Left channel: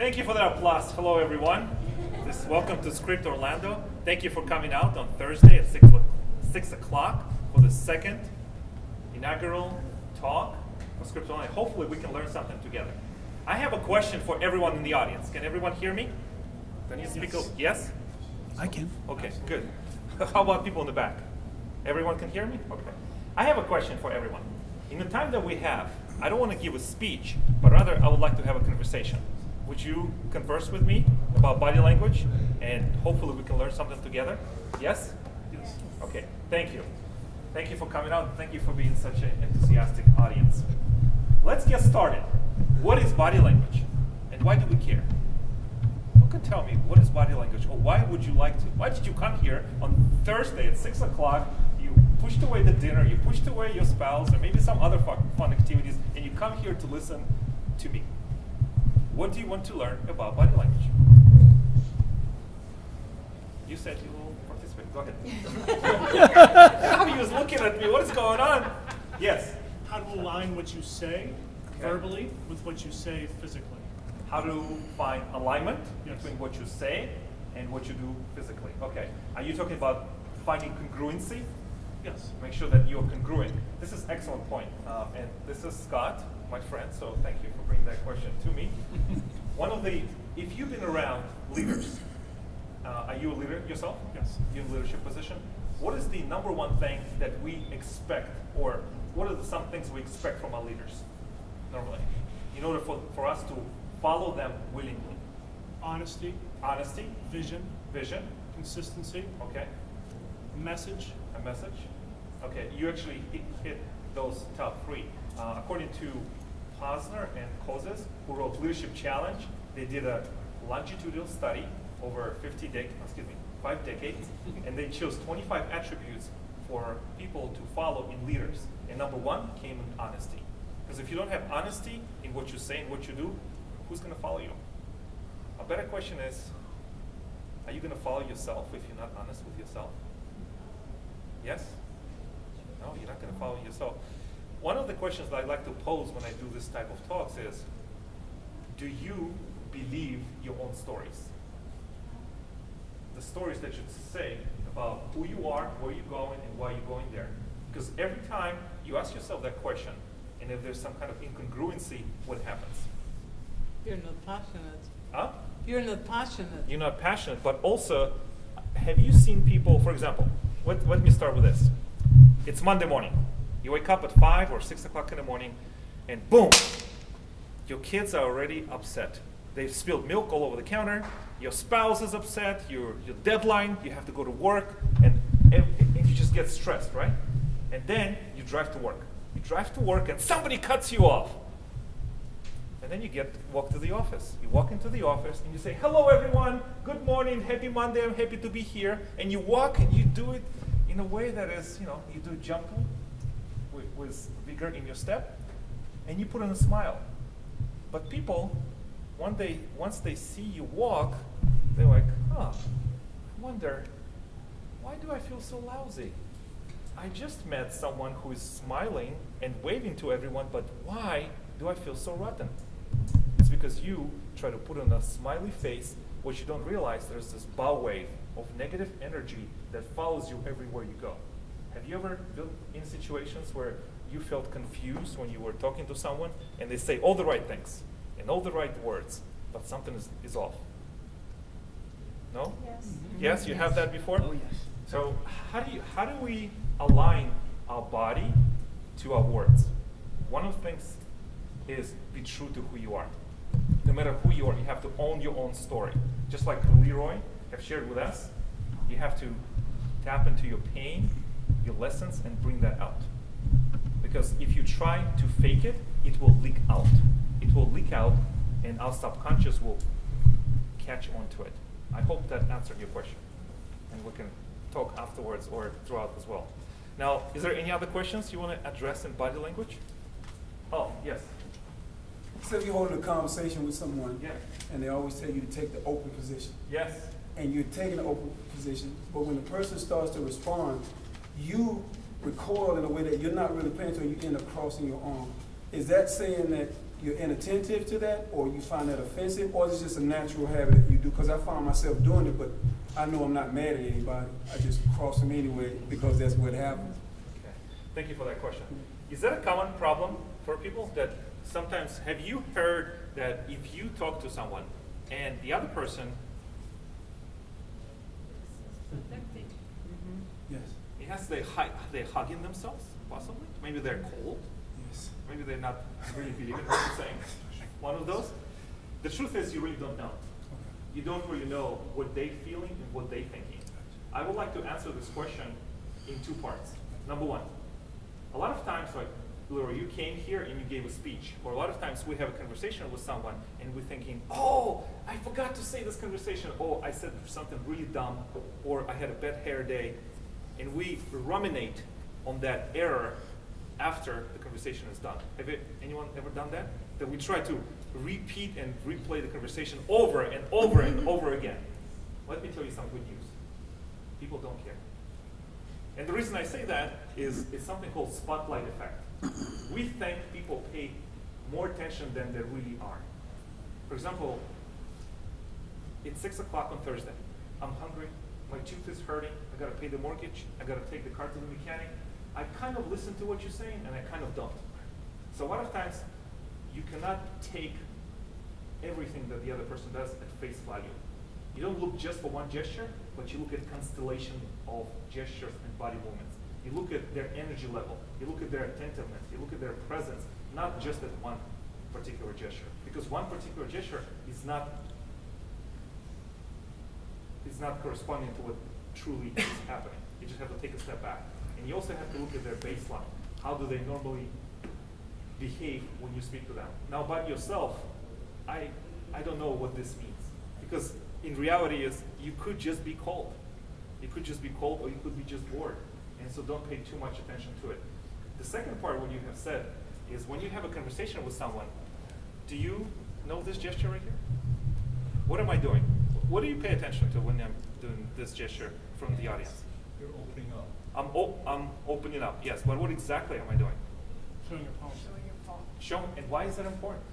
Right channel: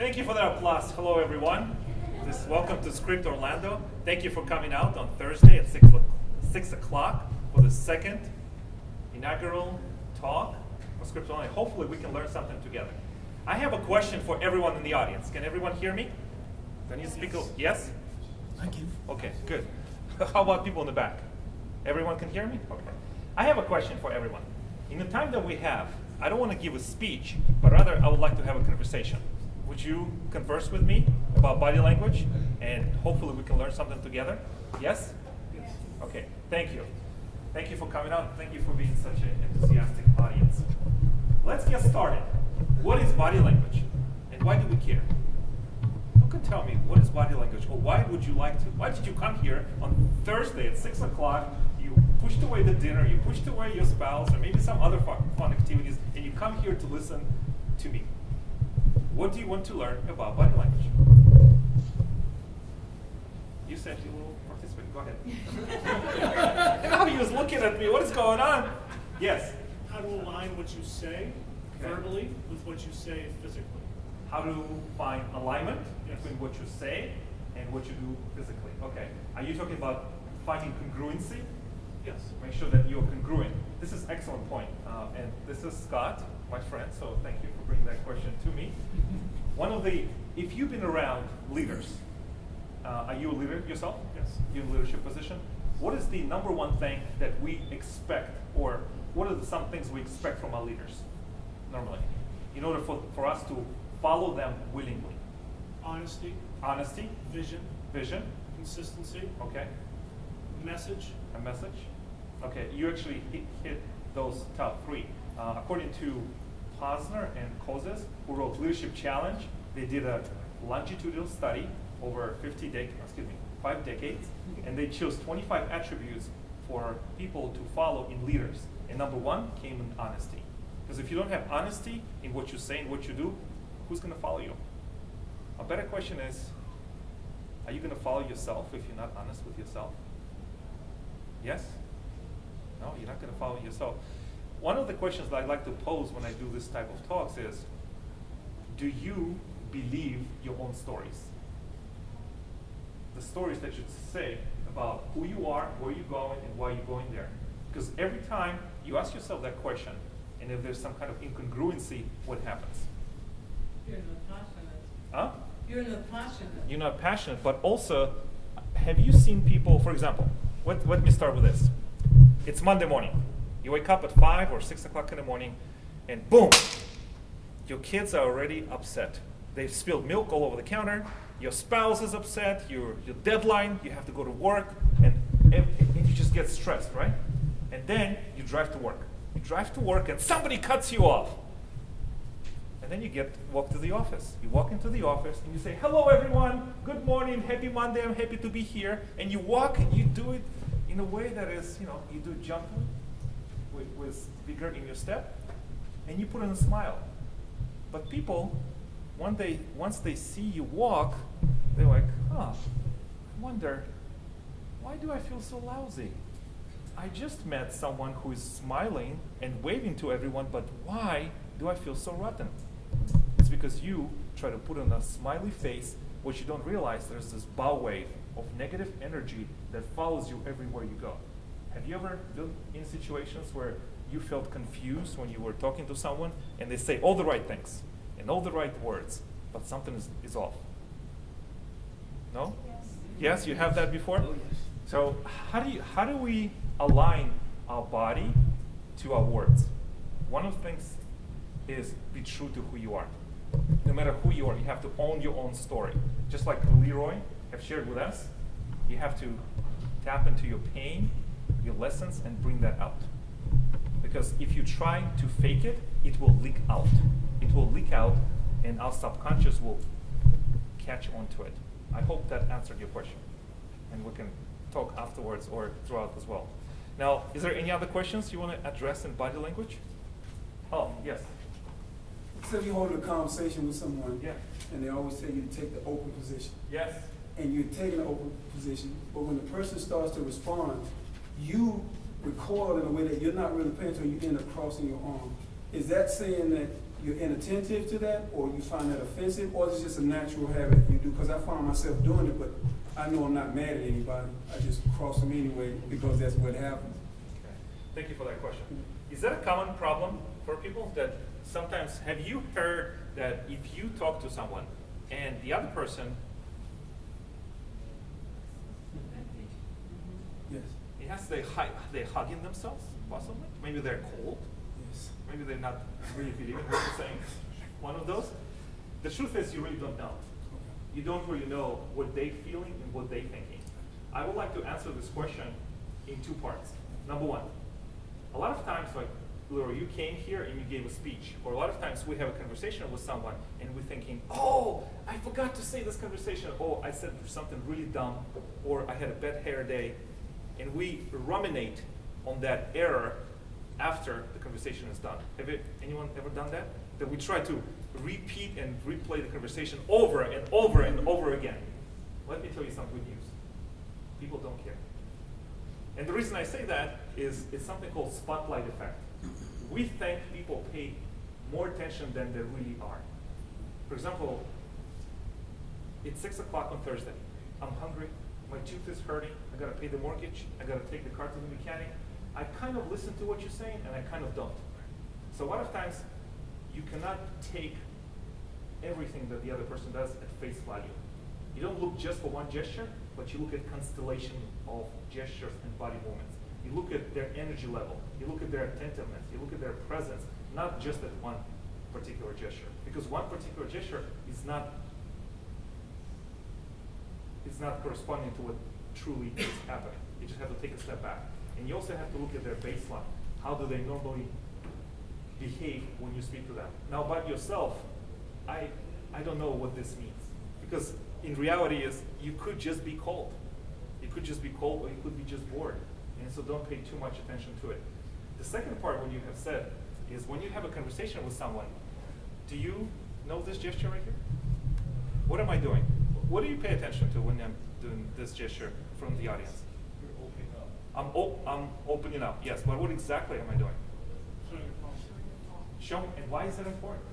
Thank you for that applause. Hello, everyone. Welcome to Script Orlando. Thank you for coming out on Thursday at 6 o'clock for the second inaugural talk for Script Orlando. Hopefully, we can learn something together. I have a question for everyone in the audience. Can everyone hear me? Do I need to speak? Yes? I can. Okay, good. How about people in the back? Everyone can hear me? Okay. I have a question for everyone. In the time that we have, I don't want to give a speech, but rather I would like to have a conversation. Would you converse with me about body language? And hopefully we can learn something together? Yes? Yes. Okay, thank you. Thank you for coming out. Thank you for being such an enthusiastic audience. Let's get started. What is body language? And why do we care? Who can tell me what is body language? Or why would you like to? Why did you come here on Thursday at 6 o'clock? You pushed away the dinner, you pushed away your spouse, or maybe some other fun activities, and you come here to listen to me. What do you want to learn about body language? You said you will participate. Go ahead. Now he was looking at me. What is going on? Yes. How to align what you say verbally with what you say physically. How to find alignment Yes. between what you say and what you do physically. Okay. Are you talking about finding congruency? Yes. Make sure that you're congruent. This is an excellent point. And this is Scott, my friend, so thank you for bringing that question to me. If you've been around leaders, are you a leader yourself? Yes. You're in a leadership position. What is the number one thing that we expect, or what are some things we expect from our leaders normally, in order for us to follow them willingly? Honesty, Honesty, vision, consistency, okay, message. a message. Okay, you actually hit those top three. According to Posner and Kozes, who wrote Leadership Challenge, they did a longitudinal study over 5 decades, and they chose 25 attributes for people to follow in leaders. And number one came in honesty. Because if you don't have honesty in what you say and what you do, who's going to follow you? A better question is, are you going to follow yourself if you're not honest with yourself? Yes? No, you're not going to follow yourself. One of the questions that I like to pose when I do this type of talks is, do you believe your own stories? The stories that you say about who you are, where you're going, and why you're going there. Because every time you ask yourself that question, and if there's some kind of incongruency, what happens? You're not passionate. Huh? You're not passionate. You're not passionate, but also, have you seen people, for example, let me start with this. It's Monday morning. You wake up at 5 or 6 o'clock in the morning, and boom, your kids are already upset. They've spilled milk all over the counter. Your spouse is upset. Your deadline, you have to go to work, and you just get stressed, right? And then you drive to work. You drive to work, and somebody cuts you off. And then you walk to the office. You walk into the office, and you say, hello, everyone. Good morning. Happy Monday. I'm happy to be here. And you walk, and you do it in a way that is, you do gentle, with vigor in your step, and you put on a smile. But people, once they see you walk, they're like, I wonder, why do I feel so lousy? I just met someone who is smiling and waving to everyone, but why do I feel so rotten? It's because you try to put on a smiley face, what you don't realize, there's this bow wave of negative energy that follows you everywhere you go. Have you ever been in situations where you felt confused when you were talking to someone and they say all the right things and all the right words, but something is off? No? Yes. Yes, you have that before? Oh, yes. So how do we align our body to our words? One of the things is be true to who you are. No matter who you are, you have to own your own story. Just like Leroy have shared with us, you have to tap into your pain, your lessons, and bring that out. Because if you try to fake it, it will leak out. It will leak out, and our subconscious will catch onto it. I hope that answered your question. And we can talk afterwards or throughout as well. Now, is there any other questions you want to address in body language? Oh, yes. So if you're holding a conversation with someone, Yeah. and they always tell you to take the open position, Yes. and you're taking the open position, but when the person starts to respond, you recoil in a way that you're not really paying attention, you end up crossing your arm. Is that saying that you're inattentive to that, or you find that offensive, or is it just a natural habit you do? Because I find myself doing it, but I know I'm not mad at anybody. I just cross them anyway because that's what happens. Okay. Thank you for that question. Is that a common problem for people that sometimes, have you heard that if you talk to someone and the other person, Yes, they're hugging themselves, possibly? Maybe they're cold. yes. Maybe they're not really believing what you're saying. One of those. The truth is you really don't know. Okay. You don't really know what they're feeling and what they're thinking. I would like to answer this question in two parts. Number one, a lot of times, like, Laura, you came here and you gave a speech, or a lot of times we have a conversation with someone and we're thinking, oh, I forgot to say this conversation, oh, I said something really dumb, or I had a bad hair day, and we ruminate on that error after the conversation is done. Anyone ever done that? That we try to repeat and replay the conversation over and over and over again. Let me tell you some good news. People don't care. And the reason I say that is it's something called spotlight effect. We think people pay more attention than they really are. For example, it's 6 o'clock on Thursday. I'm hungry, my tooth is hurting, I gotta pay the mortgage, I gotta take the car to the mechanic. I kind of listen to what you're saying and I kind of don't. So a lot of times you cannot take everything that the other person does at face value. You don't look just for one gesture, but you look at constellation of gestures and body movements. You look at their energy level, you look at their attentiveness, you look at their presence, not just at one particular gesture. Because one particular gesture is not corresponding to what truly is happening. You just have to take a step back. And you also have to look at their baseline. How do they normally behave when you speak to them? Now about yourself, I don't know what this means. Because in reality is you could just be cold. You could just be cold or you could be just bored. And so don't pay too much attention to it. The second part, what you have said, is when you have a conversation with someone, do you know this gesture right here? What am I doing? What do you pay attention to when I'm doing this gesture from the audience? You're opening up. I'm opening up, yes, but what exactly am I doing? Showing your phone. Show, and why is that important?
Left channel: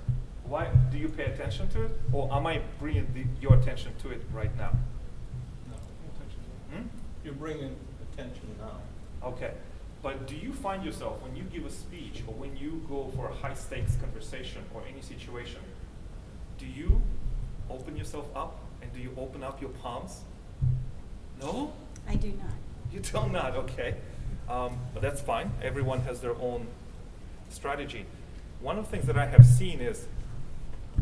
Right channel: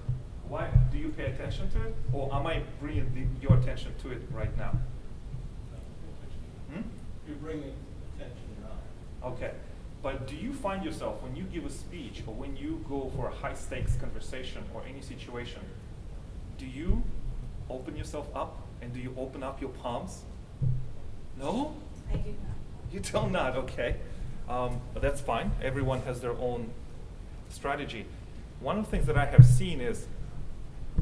Why do you pay attention to it, or am I bringing your attention to it right now? No, Hmm? you're bringing attention now. Okay, but do you find yourself when you give a speech or when you go for a high stakes conversation or any situation, do you open yourself up and do you open up your palms? No? I do not. You do not, okay. But that's fine. Everyone has their own strategy. One of the things that I have seen is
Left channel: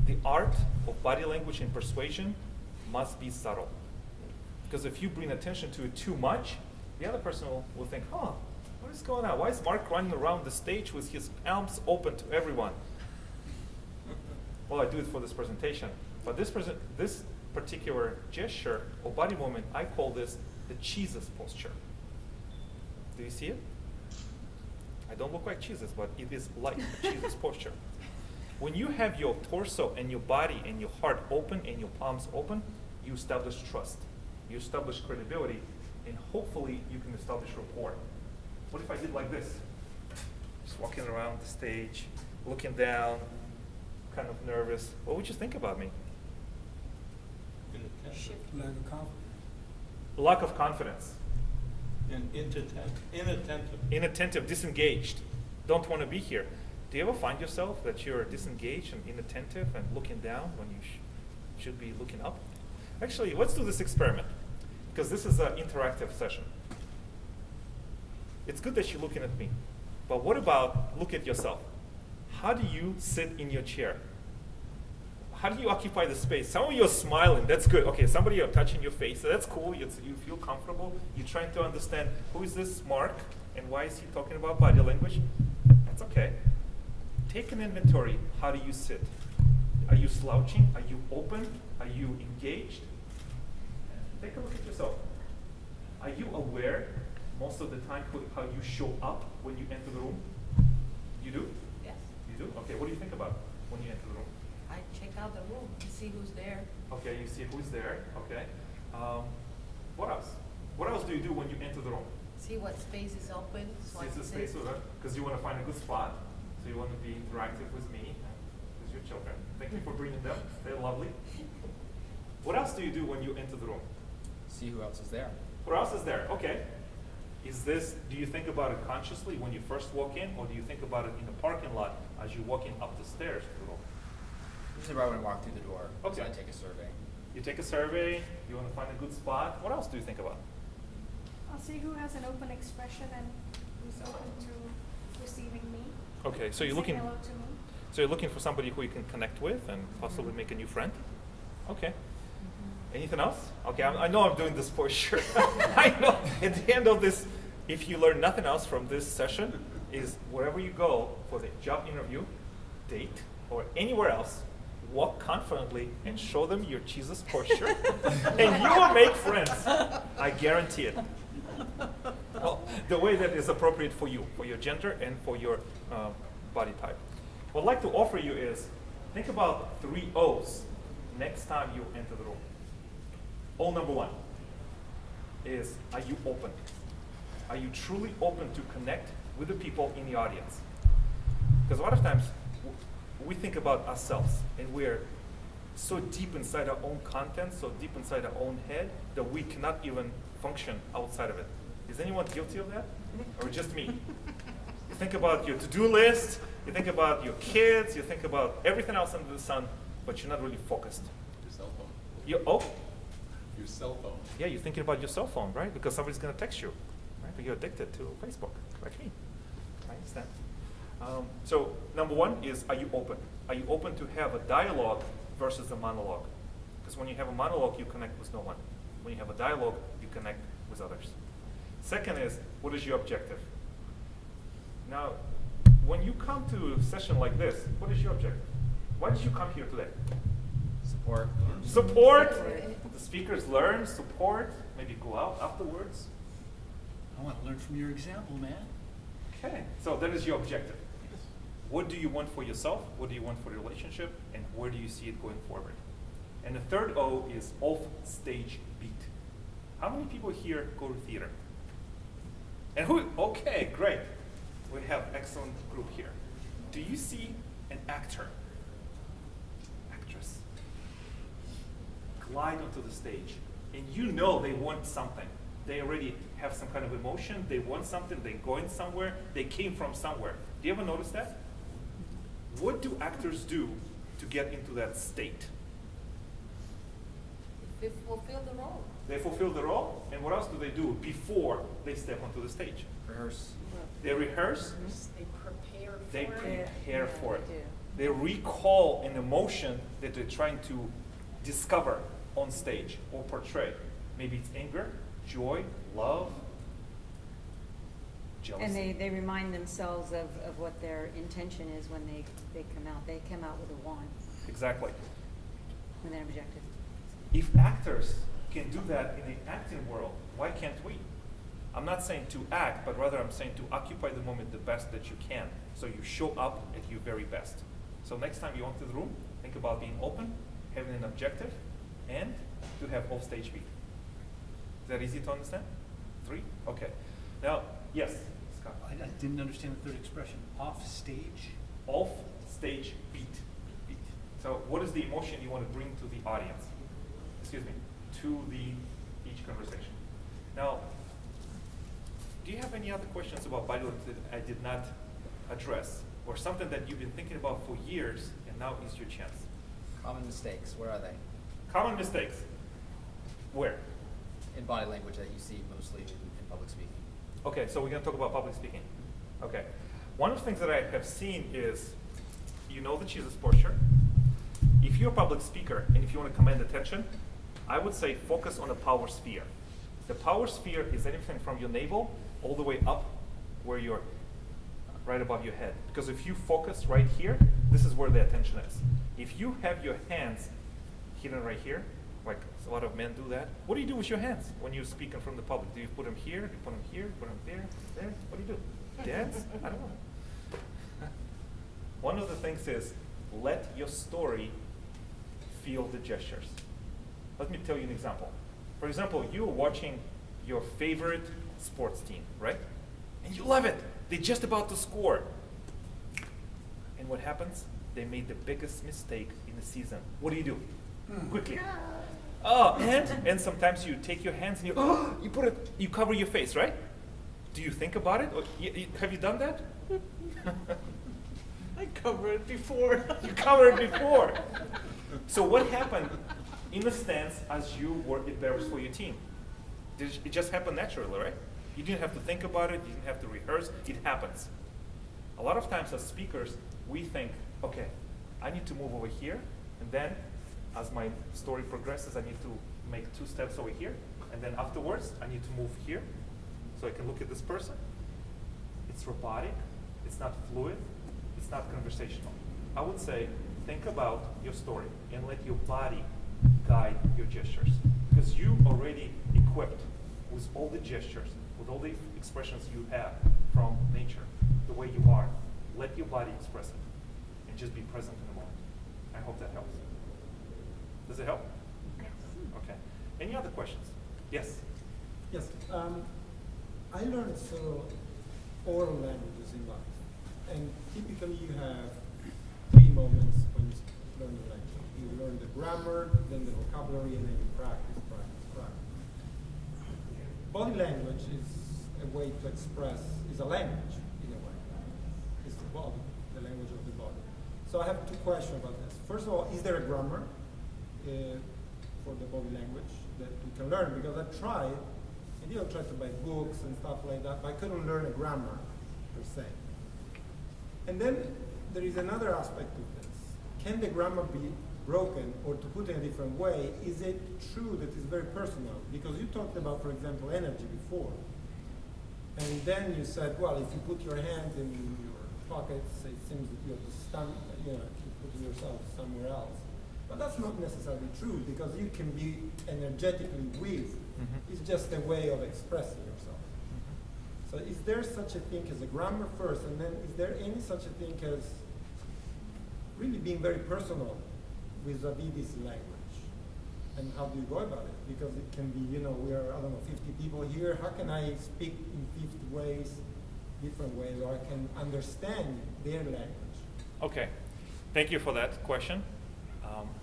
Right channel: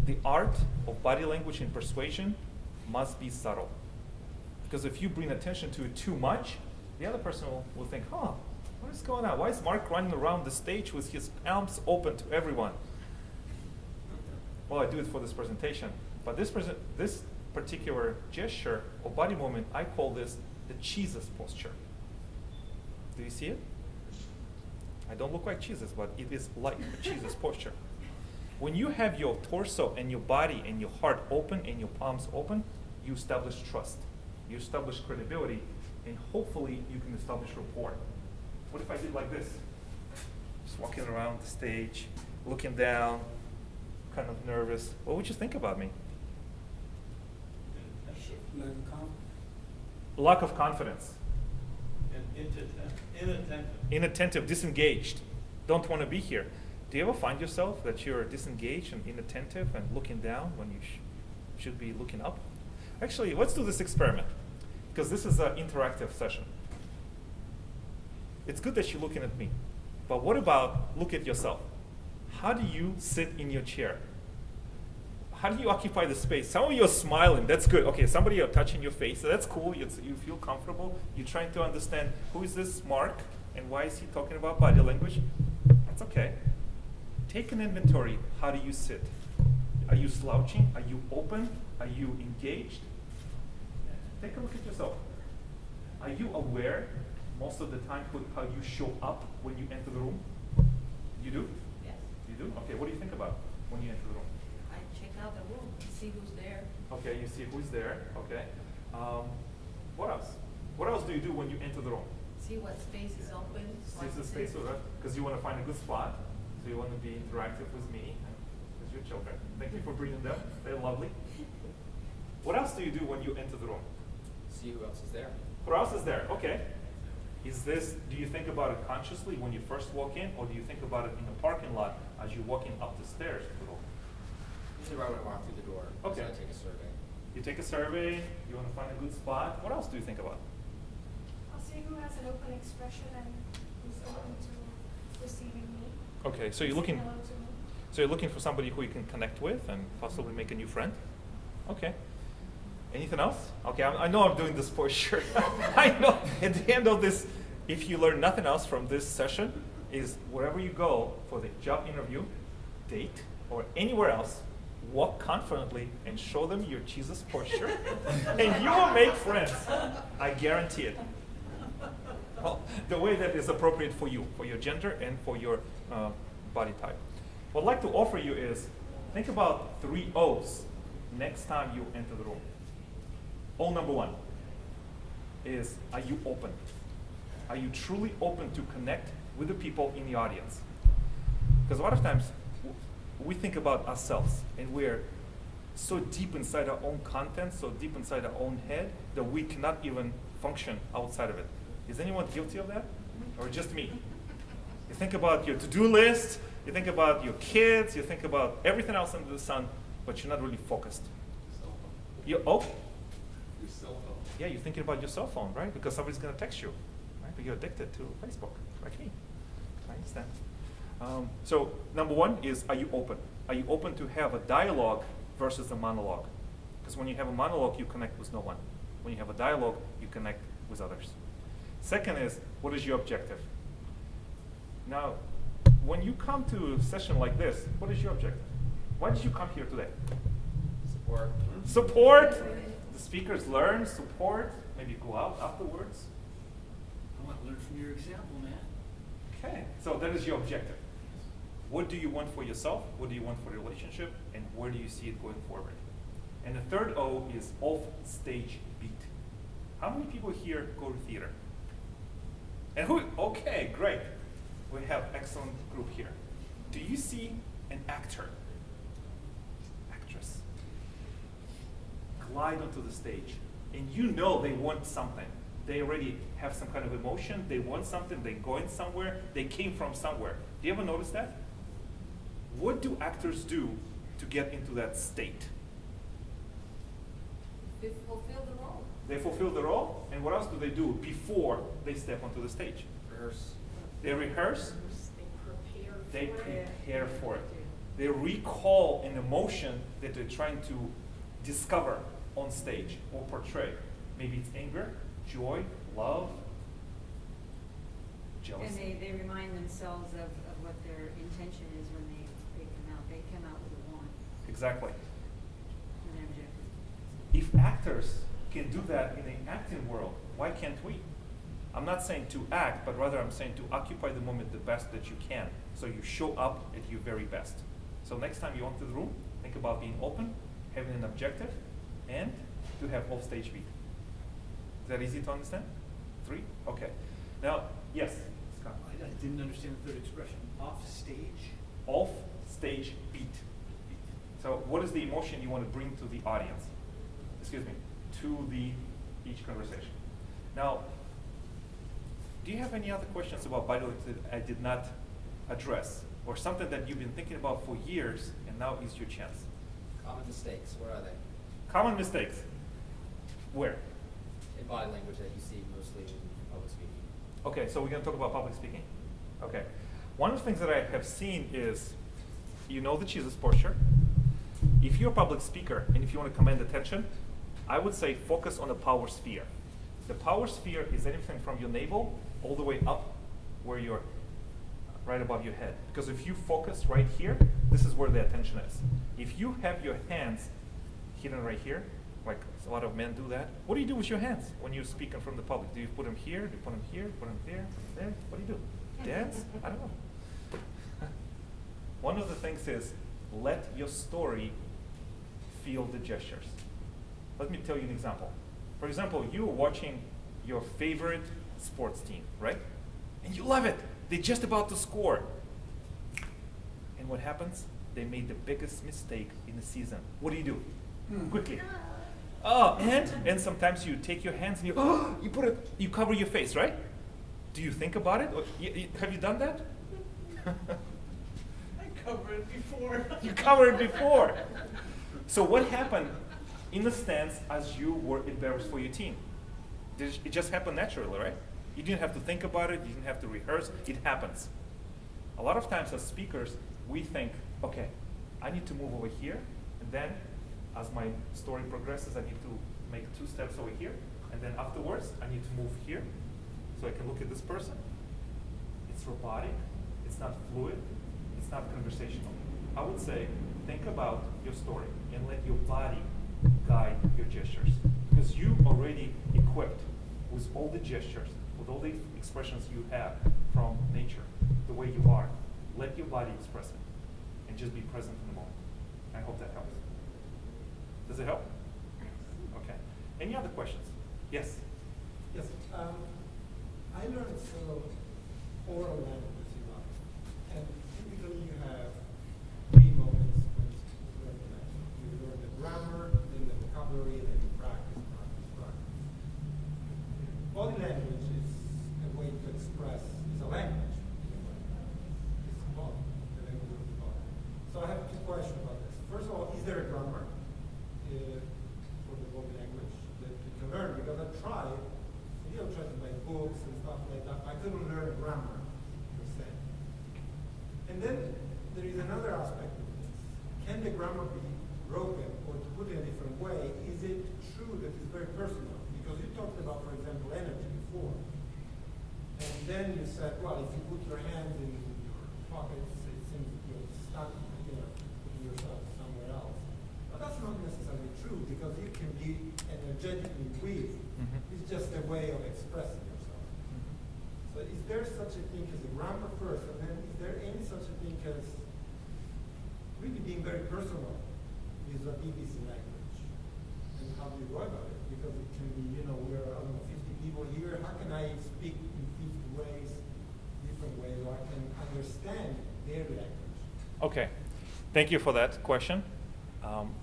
the art of body language and persuasion must be subtle. Because if you bring attention to it too much, the other person will think, huh, what is going on? Why is Mark running around the stage with his palms open to everyone? Well, I do it for this presentation. But this particular gesture or body movement, I call this the Jesus posture. Do you see it? I don't look like Jesus, but it is like a Jesus posture. When you have your torso and your body and your heart open and your palms open, you establish trust. You establish credibility, and hopefully you can establish rapport. What if I did like this? Just walking around the stage, looking down, kind of nervous. What would you think about me? Good attention. Lack of confidence. Lack of confidence. And inattentive. Inattentive, disengaged, don't want to be here. Do you ever find yourself that you're disengaged and inattentive and looking down when you should be looking up? Actually, let's do this experiment, because this is an interactive session. It's good that you're looking at me, but what about look at yourself? How do you sit in your chair? How do you occupy the space? Some of you are smiling, that's good. Okay, somebody are touching your face, so that's cool. You feel comfortable. You're trying to understand who is this Mark and why is he talking about body language? That's okay. Take an inventory. How do you sit? Are you slouching? Are you open? Are you engaged? Take a look at yourself. Are you aware most of the time how you show up when you enter the room? You do? Yes. You do? Okay, what do you think about when you enter the room? I check out the room, see who's there. Okay, you see who's there. Okay. What else? What else do you do when you enter the room? See what space is open. So I See the can space sit. over, because you want to find a good spot. So you want to be interactive with me, with your children. Thank you for bringing them. They're lovely. What else do you do when you enter the room? See who else is there. Who else is there? Okay. Do you think about it consciously when you first walk in, or do you think about it in the parking lot as you're walking up the stairs to the room? Usually right when I walk through the door, Okay. I take a survey. You take a survey, you want to find a good spot. What else do you think about? I'll see who has an open expression and who's open to receiving me. Okay, so you're Say looking hello to me. so you're looking for somebody who you can connect with and possibly make a new friend? Okay. Anything else? Okay, I know I'm doing this for sure. I know at the end of this, if you learn nothing else from this session, is wherever you go for the job interview, date, or anywhere else, walk confidently and show them your Jesus posture, and you will make friends. I guarantee it. Well, the way that is appropriate for you, for your gender and for your body type. What I'd like to offer you is, think about 3 O's next time you enter the room. O number 1 is, are you open? Are you truly open to connect with the people in the audience? Because a lot of times we think about ourselves and we're so deep inside our own content, so deep inside our own head that we cannot even function outside of it. Is anyone guilty of that? Or just me? You think about your to-do list, you think about your kids, you think about everything else under the sun, but you're not really focused. Your cell phone. Your Your cell phone. yeah, you're thinking about your cell phone, right? Because somebody's going to text you, right? But you're addicted to Facebook, like me. I understand. So number 1 is, are you open? Are you open to have a dialogue versus a monologue? Because when you have a monologue, you connect with no one. When you have a dialogue, you connect with others. Second is, what is your objective? Now, when you come to a session like this, what is your objective? Why did you come here today? Support. Support. The speakers learn, support, maybe go out afterwards. I want to learn from your example, man. Okay, so that is your objective. What do you want for yourself? What do you want for the relationship? And where do you see it going forward? And the third O is off-stage beat. How many people here go to theater? And who? Okay, great. We have excellent group here. Do you see an actor, actress, glide onto the stage, and you know they want something? They already have some kind of emotion. They want something. They're going somewhere. They came from somewhere. Do you ever notice that? What do actors do to get into that state? They fulfill the role. They fulfill the role, and what else do they do before they step onto the stage? Rehearse. They rehearse. They prepare for They it. prepare for it. They recall an emotion that they're trying to discover on stage or portray. Maybe it's anger, joy, love, jealousy. And they remind themselves of what their intention is when they come out. They come out with a wand Exactly. and their objective. If actors can do that in the acting world, why can't we? I'm not saying to act, but rather I'm saying to occupy the moment the best that you can, so you show up at your very best. So next time you enter the room, think about being open, having an objective, and to have off-stage beat. Is that easy to understand? 3? Okay. Now, yes, Scott. I didn't understand the third expression. Off stage? Off-stage beat. Beat. So what is the emotion you want to bring to the audience? Excuse me, to each conversation. Now, do you have any other questions about body language that I did not address? Or something that you've been thinking about for years and now is your chance? Common mistakes, where are they? Common mistakes. Where? In body language that you see mostly in public speaking. Okay, so we're going to talk about public speaking. Okay. One of the things that I have seen is, you know the Jesus posture. If you're a public speaker and if you want to command attention, I would say focus on the power sphere. The power sphere is anything from your navel all the way up where you're right above your head. Because if you focus right here, this is where the attention is. If you have your hands hidden right here, like a lot of men do that, what do you do with your hands when you're speaking from the public? Do you put them here? Do you put them here? Put them there? There? What do you do? Dance? I don't know. One of the things is let your story feel the gestures. Let me tell you an example. For example, you're watching your favorite sports team, right? And you love it. They're just about to score. And what happens? they made the biggest mistake in the season. What do? Quickly. Oh, and sometimes you take your hands and you cover your face, right? Do you think about it? Or have you done that? I covered it before. You covered it before. So what happened in the stands as you were embarrassed for your team? It just happened naturally, right? You didn't have to think about it. You didn't have to rehearse. It happens. A lot of times as speakers, we think, okay, I need to move over here, and then as my story progresses, I need to make 2 steps over here, and then afterwards, I need to move here so I can look at this person. It's robotic, it's not fluid, it's not conversational. I would say, think about your story and let your body guide your gestures, because you already equipped with all the gestures, with all the expressions you have from nature, the way you are. Let your body express it and just be present in the moment. I hope that helps. Does it help? Okay. Any other questions? Yes. Yes. I learned several oral languages in life, and typically you have 3 moments when you learn the language. You learn the grammar, then the vocabulary, and then you practice. Body language is a way to express, is a language in a way. It's the body, the language of the body. So I have 2 questions about this. First of all, is there a grammar for the body language that you can learn? Because I tried, maybe I'll try to buy books and stuff like that, but I couldn't learn a grammar per se. And then there is another aspect of this. Can the grammar be broken, or to put it in a different way, is it true that it's very personal? Because you talked about, for example, energy before. And then you said, well, if you put your hands in your pockets, it seems that you're putting yourself somewhere else. But that's not necessarily true, because you can be energetically weak. It's just a way of expressing yourself. So is there such a thing as a grammar first, and then is there any such a thing as really being very personal vis-a-vis this language? And how do you go about it? Because it can be, we are, 50 people here. How can I speak in 50 ways, different ways, or I can understand their language? Okay. Thank you for that question.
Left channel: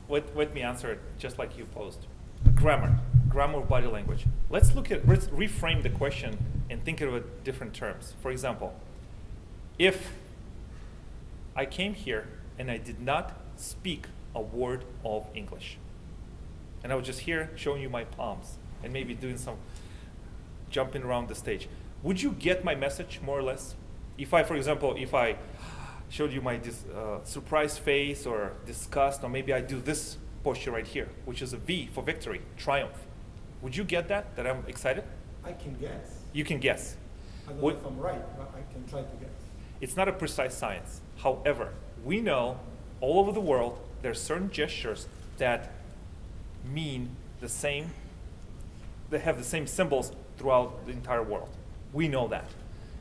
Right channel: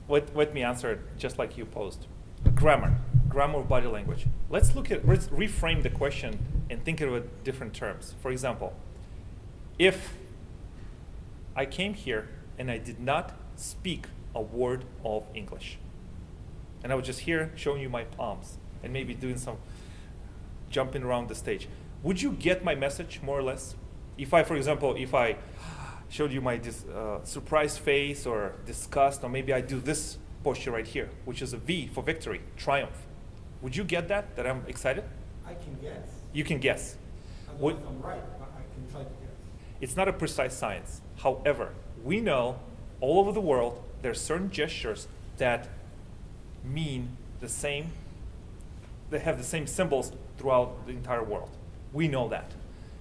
Let me answer it just like you posed. Grammar of body language. Let's reframe the question and think of it different terms. For example, if I came here and I did not speak a word of English, and I was just here showing you my palms and maybe doing some jumping around the stage, would you get my message more or less? If I, for example, showed you my surprised face or disgust, or maybe I do this posture right here, which is a V for victory, triumph. Would you get that I'm excited? I can guess. You can guess. I don't know if I'm right, but I can try to guess. It's not a precise science. However, we know all over the world there are certain gestures that mean the same, they have the same symbols throughout the entire world. We know that.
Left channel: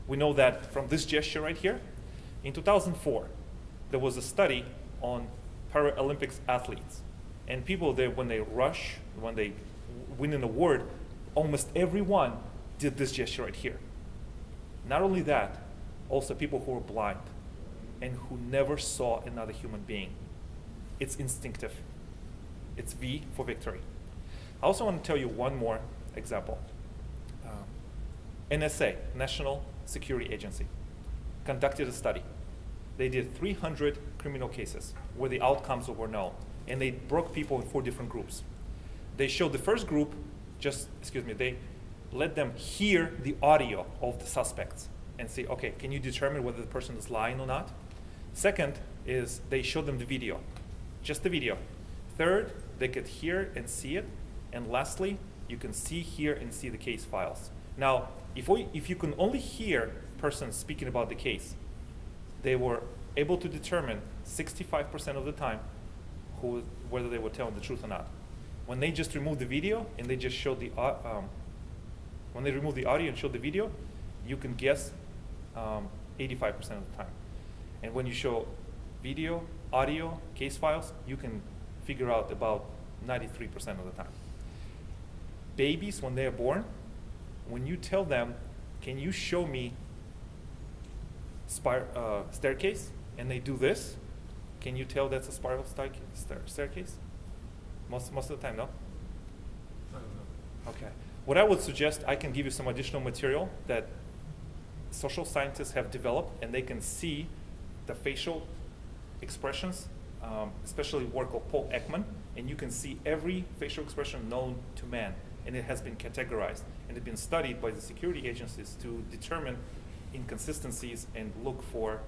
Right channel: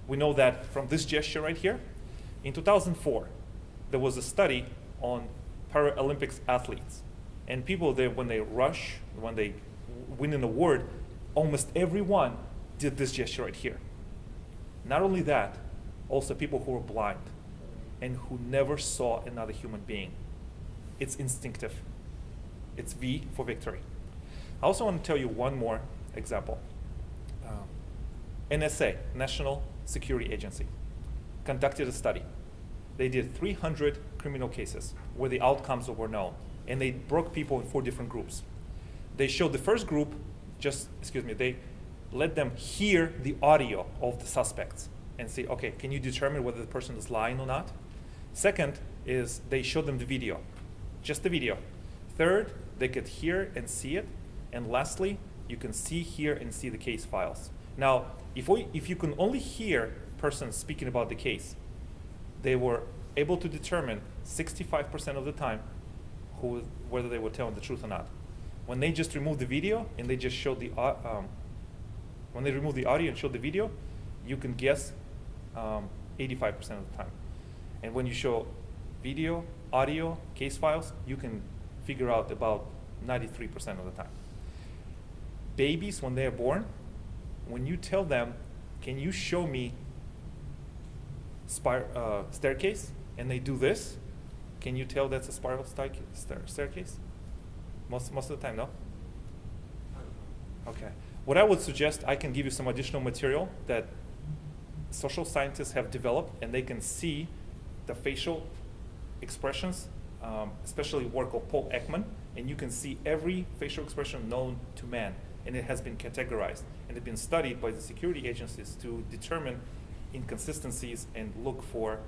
We know that from this gesture right here. In 2004, there was a study on Paralympics athletes. And people, when they rush, when they win an award, almost everyone did this gesture right here. Not only that, also people who were blind and who never saw another human being. It's instinctive. It's V for victory. I also want to tell you one more example. NSA, National Security Agency, conducted a study. They did 300 criminal cases where the outcomes were known, and they broke people in 4 different groups. They showed the first group, they let them hear the audio of the suspects and say, okay, can you determine whether the person is lying or not? Second is they showed them the video, just the video. Third, they could hear and see it. And lastly, you can see, hear, and see the case files. Now, if you can only hear persons speaking about the case, they were able to determine 65% of the time whether they were telling the truth or not. When they just removed the video and they just showed when they removed the audio and showed the video, you can guess 85% of the time. And when you show video, audio, case files, you can figure out about 93% of the time. Babies, when they are born, when you tell them, can you show me staircase, and they do this, Can you tell that's a spiral staircase? Most of the time, no? I don't know. Okay. What I would suggest, I can give you some additional material that social scientists have developed, and they can see the facial expressions, especially work of Paul Ekman, and you can see every facial expression known to man, and it has been categorized, and it's been studied by the security agencies to determine inconsistencies and look for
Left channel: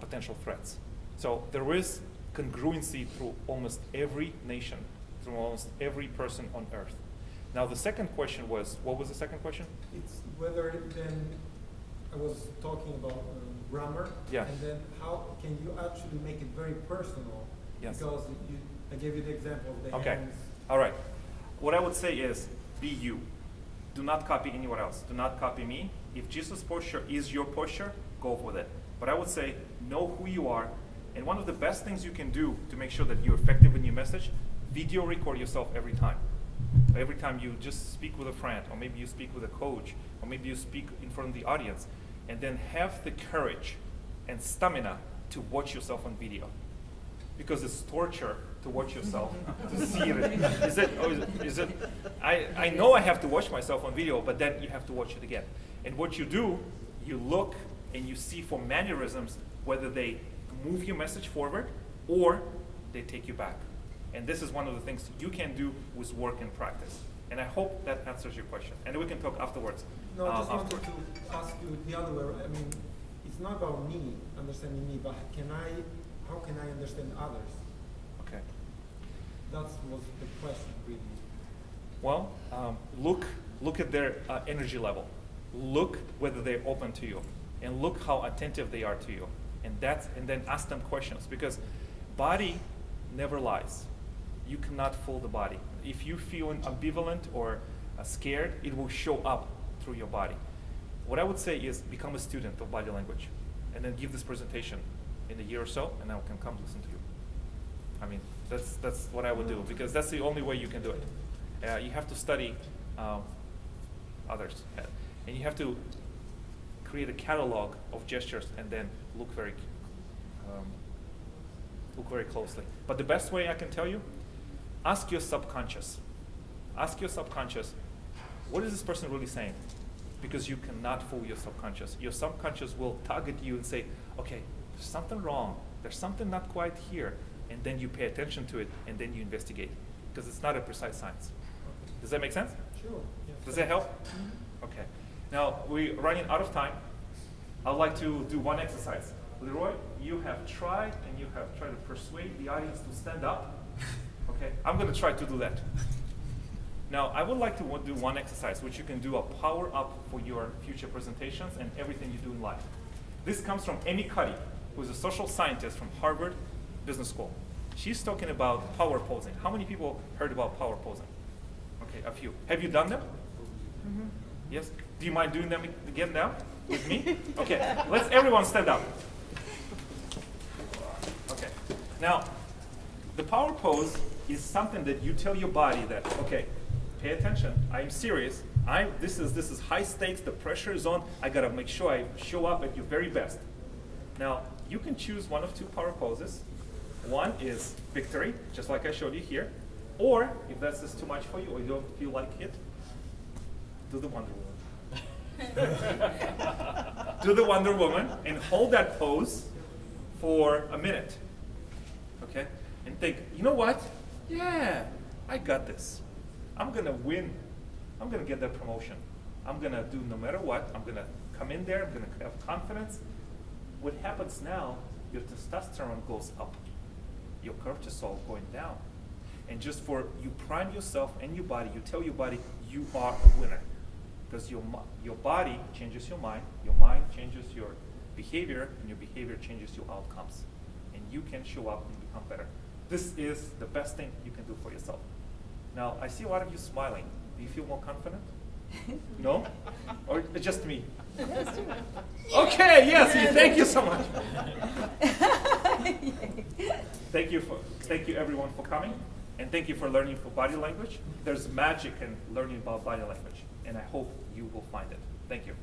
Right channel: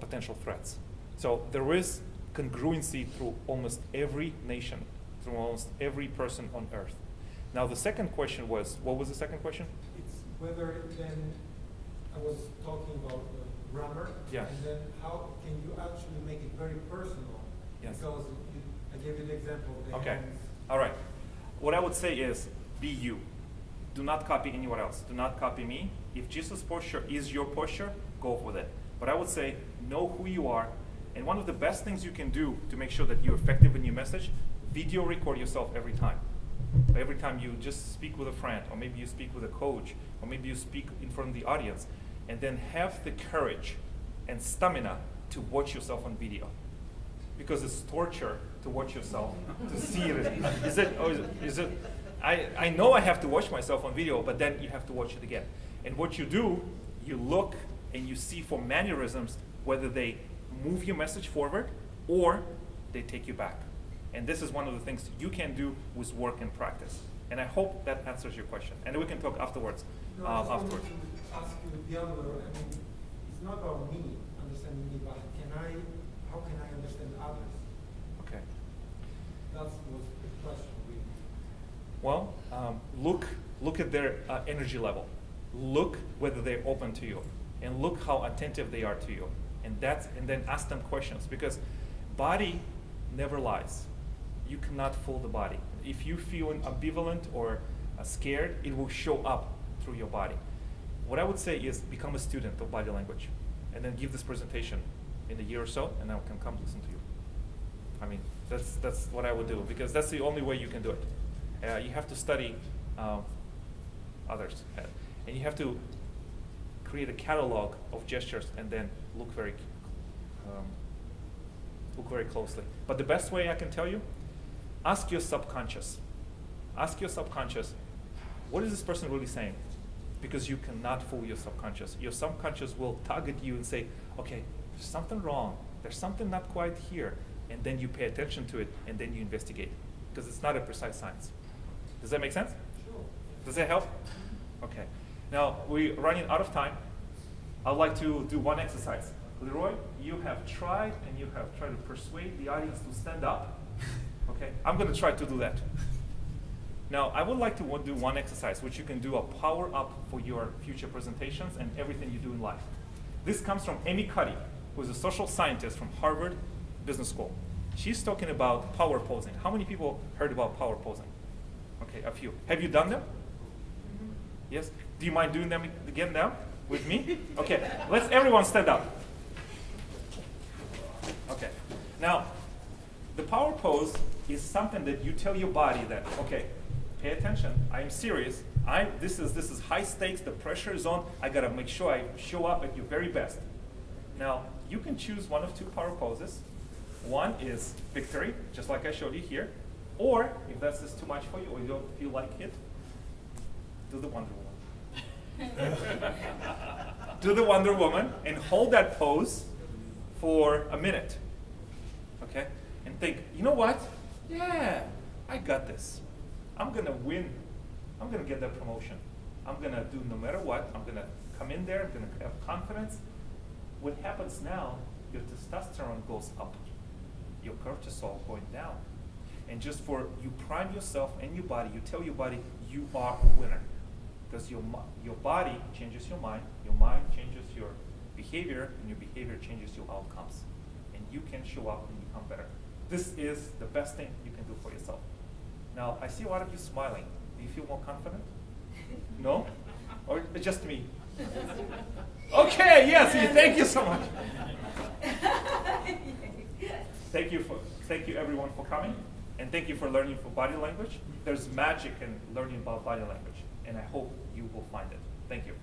potential threats. So there is congruency through almost every nation, through almost every person on earth. Now the second question was, what was the second question? It's whether then, I was talking about grammar. Yeah. And then how can you actually make it very personal? Yes. Because I gave you the example of the Okay, hands. all right. What I would say is, be you. Do not copy anyone else. Do not copy me. If Jesus' posture is your posture, go with it. But I would say, know who you are. And one of the best things you can do to make sure that you're effective in your message, video record yourself every time. Every time you just speak with a friend, or maybe you speak with a coach, or maybe you speak in front of the audience, and then have the courage and stamina to watch yourself on video. Because it's torture to watch yourself, to see it. Is it, I know I have to watch myself on video, but then you have to watch it again. And what you do, you look and you see for mannerisms, whether they move your message forward or they take you back. And this is one of the things you can do with work and practice. And I hope that answers your question. And we can talk afterwards. No, I just wanted afterwards. to ask you the other way. I mean, it's not about me, understanding me, but how can I understand others? Okay. That was the question, really. Well, look at their energy level. Look whether they're open to you, and look how attentive they are to you. And then ask them questions, because body never lies. You cannot fool the body. If you feel ambivalent or scared, it will show up through your body. What I would say is become a student of body language, and then give this presentation in a year or so, and I can come listen to you. I mean, that's what I would do, because that's the only way you can do it. You have to study others, and you have to create a catalog of gestures, and then look very closely. But the best way I can tell you, ask your subconscious. Ask your subconscious, what is this person really saying? Because you cannot fool your subconscious. Your subconscious will target you and say, okay, there's something wrong. There's something not quite here. And then you pay attention to it, and then you investigate. Because it's not a precise science. Does that make sense? Sure. Does that help? Okay. Now, we're running out of time. I'd like to do one exercise. Leroy, you have tried to persuade the audience to stand up. Okay, I'm going to try to do that. Now, I would like to do one exercise, which you can do a power up for your future presentations and everything you do in life. This comes from Amy Cuddy, who is a social scientist from Harvard Business School. She's talking about power posing. How many people heard about power posing? Okay, a few. Have you done them? Mm-hmm. Yes? Do you mind doing them again now with me? Okay, let's everyone stand up. Okay, now, the power pose is something that you tell your body that, okay, pay attention, I'm serious, this is high stakes, the pressure is on, I gotta make sure I show up at your very best. Now, you can choose one of two power poses. One is victory, just like I showed you here, or if that's just too much for you or you don't feel like it, do the Wonder Woman. Do the Wonder Woman and hold that pose for a minute, okay? And think, you know what? Yeah, I got this. I'm gonna win. I'm gonna get that promotion. I'm gonna do no matter what. I'm gonna come in there, I'm gonna have confidence. What happens now, your testosterone goes up, your cortisol going down. And just for you prime yourself and your body, you tell your body you are a winner. Because your body changes your mind changes your behavior, and your behavior changes your outcomes. And you can show up and become better. This is the best thing you can do for yourself. Now, I see a lot of you smiling. Do you feel more confident? No? Or just me? Okay, yes, thank you so much. Thank you everyone for coming, and thank you for learning for body language. There's magic in learning about body language, and I hope you will find it. Thank you.